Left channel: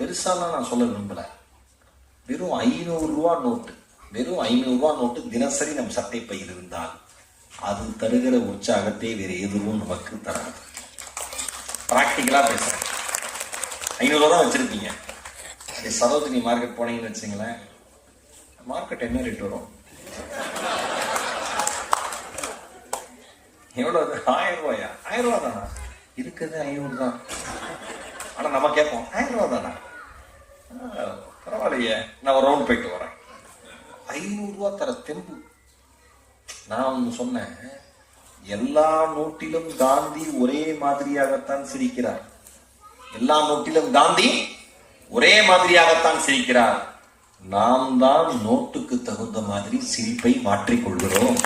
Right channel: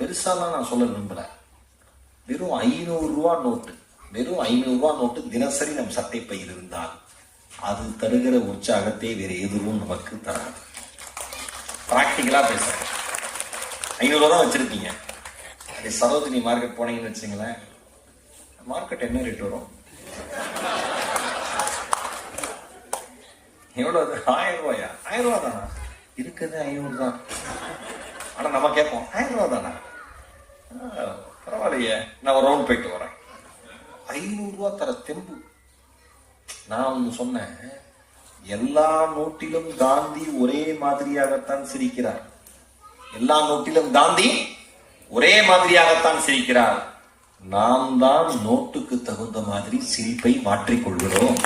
பெருசாலாம் நான் சொல்ல விரும்பல. வெறும் 500 ரூபா நோட்டு, வெறும் 500 ரூபா நோட்டு தினசரி நம் சட்டை பையில் இருந்தால் அது தருகிற உற்சாகத்தை வேறு எதுவும் நமக்கு தராது. பிராக்டிக்கலா பேசுறேன். 500 ரூபா வச்சிருப்பீங்க, சரோஜினி மார்க்கெட் போனீங்கன்னு வச்சுங்களேன், மார்க்கெட் என்ன ரேட் வரும்? எவ்வளவு? 1000 ரூபாயா? 1000 ரூபா தானா? இருக்கிறது 500 தான். ஆனா நம்ம கேட்போம் 1000 ரூபா தானா? பரவாயில்லையே, நான் ஒரு ரவுண்ட் போயிட்டு வரேன். 500 ரூபா தர தெம்பு. நான் சொன்னேன், எல்லா நோட்டிலும் காந்தி ஒரே மாதிரியாகத்தான் சிரிக்கிறார். எல்லா நோட்டிலும் காந்தி ஒரே மாதிரியாகத்தான் சிரிக்கிறார். நாம் தான் நோட்டுக்கு தகுந்த மாதிரி சிரிப்பை மாற்றிக்கொள்கிறோம்.